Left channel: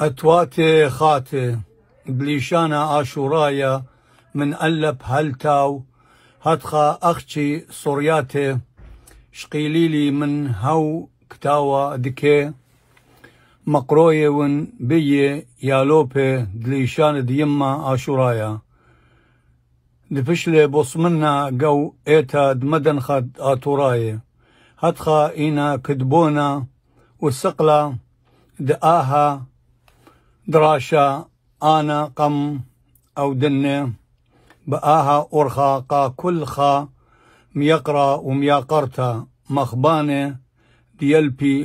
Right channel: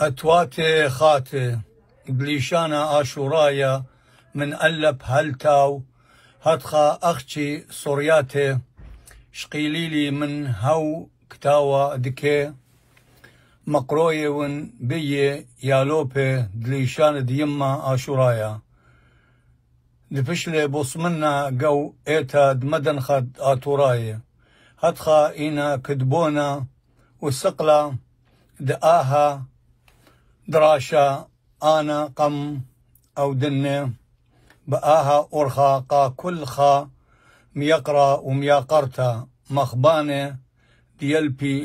أتواتي خاتي بليشانا آشورايا من ألب هلتاو هتخا أختي صورياتي شقيليلي من هو كتاوى دكي مقروي ون بي يالوبي بليشان ديما آشورايا دفشلي بوصمنا قو إيتا دمدن خد آتوراي هتخا إينا كدبونا والسقلة دآها دراشا أنا قم أو دنة بآها أرخا قا كل خا ميقرا ومياقرتا مخبانة يلبي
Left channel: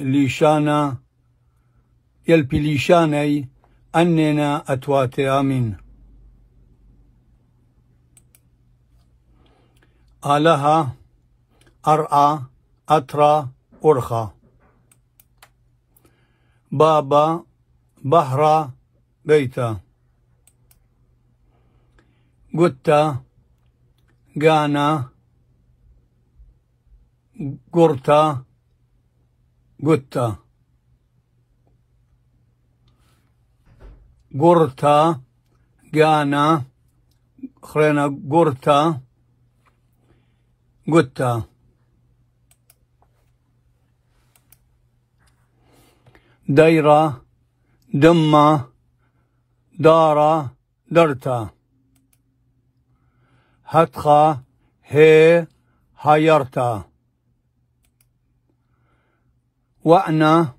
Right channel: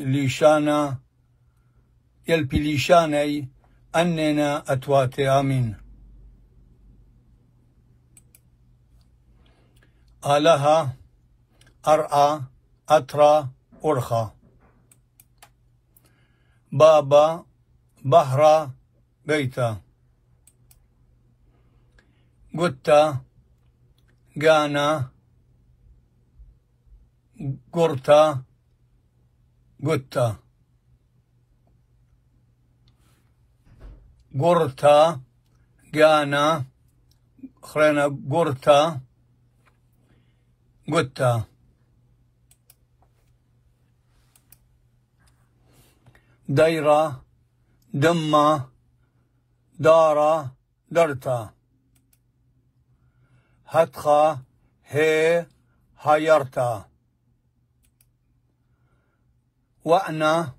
ليشاني أننا أتواتي آمين آلها أرعى أترى أرخا بابا بهرة بيتا قتا قانا قرتا قتا قرتا قانا خرينا قرتا قتا دايرة دمة دارة درتا هتخا هي هايرتا وأنا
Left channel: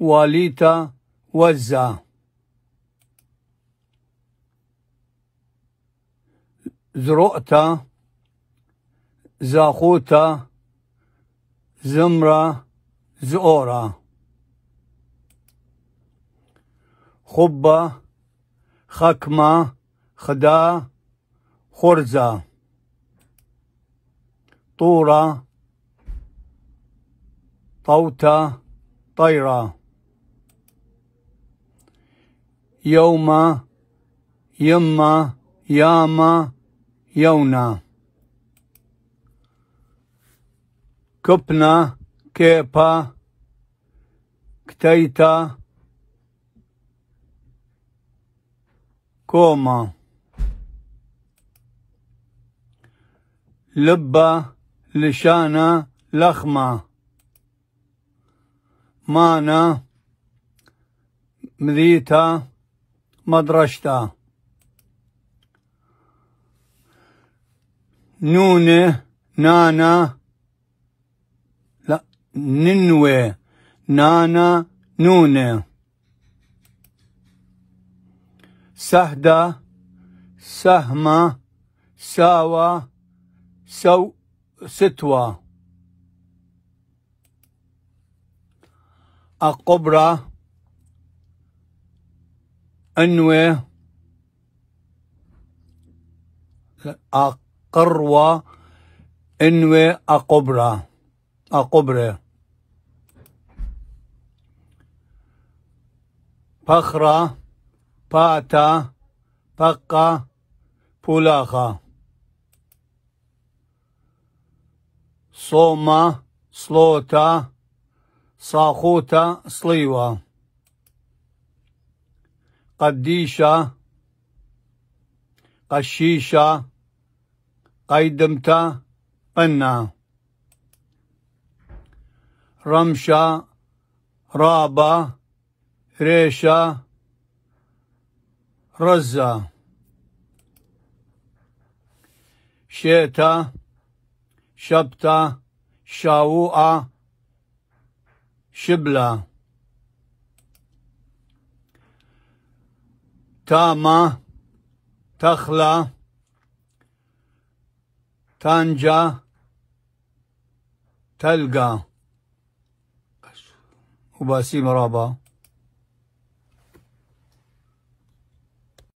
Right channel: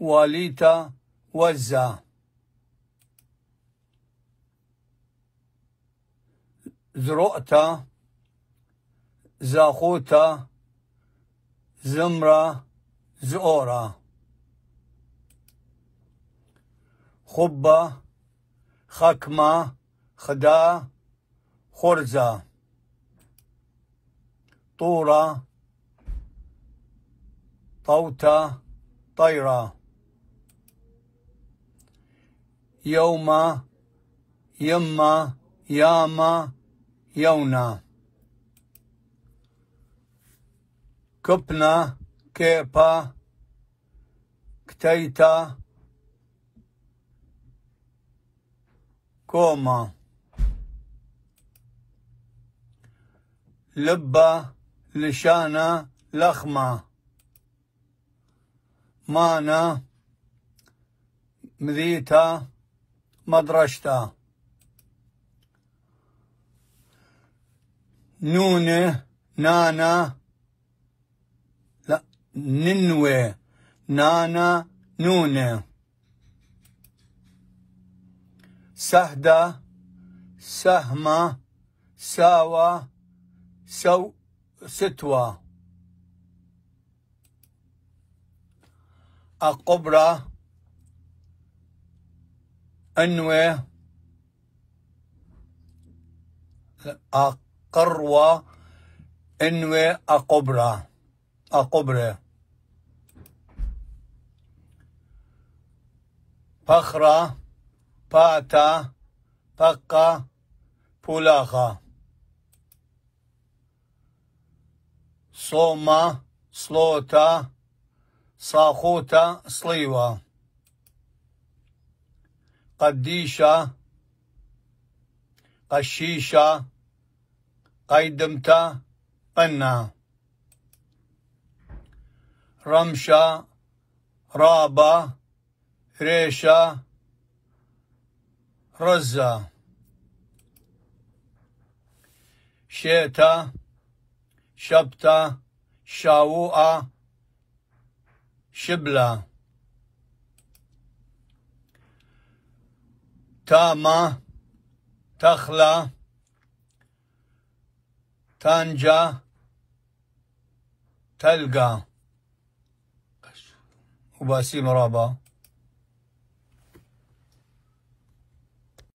واليتا وزا زرؤتا زاخوتا زمرة زؤورا خبة خكمة خدا خرزة طورة طوتة طيرة يوم يما ياما يونا كبنا كيبا كتيتا كوما لبة لشانة لخمة مانا مذيتا مدرشتا نونة نانا لا ننوي نانا نونة سهدة سهمة ساوى ستوى أقبرة أنوي أقروى أنوي أقبرة بخرة باتا بقى بولاخا صومة صلوتا صاخوتا صليوة قديشة قشيشة قيدمتا قنا رمشة رابة ريشة رزة شيتا شبتا شاووءة شبلة تامة تخلة تانجا تلقى وباسيم رابا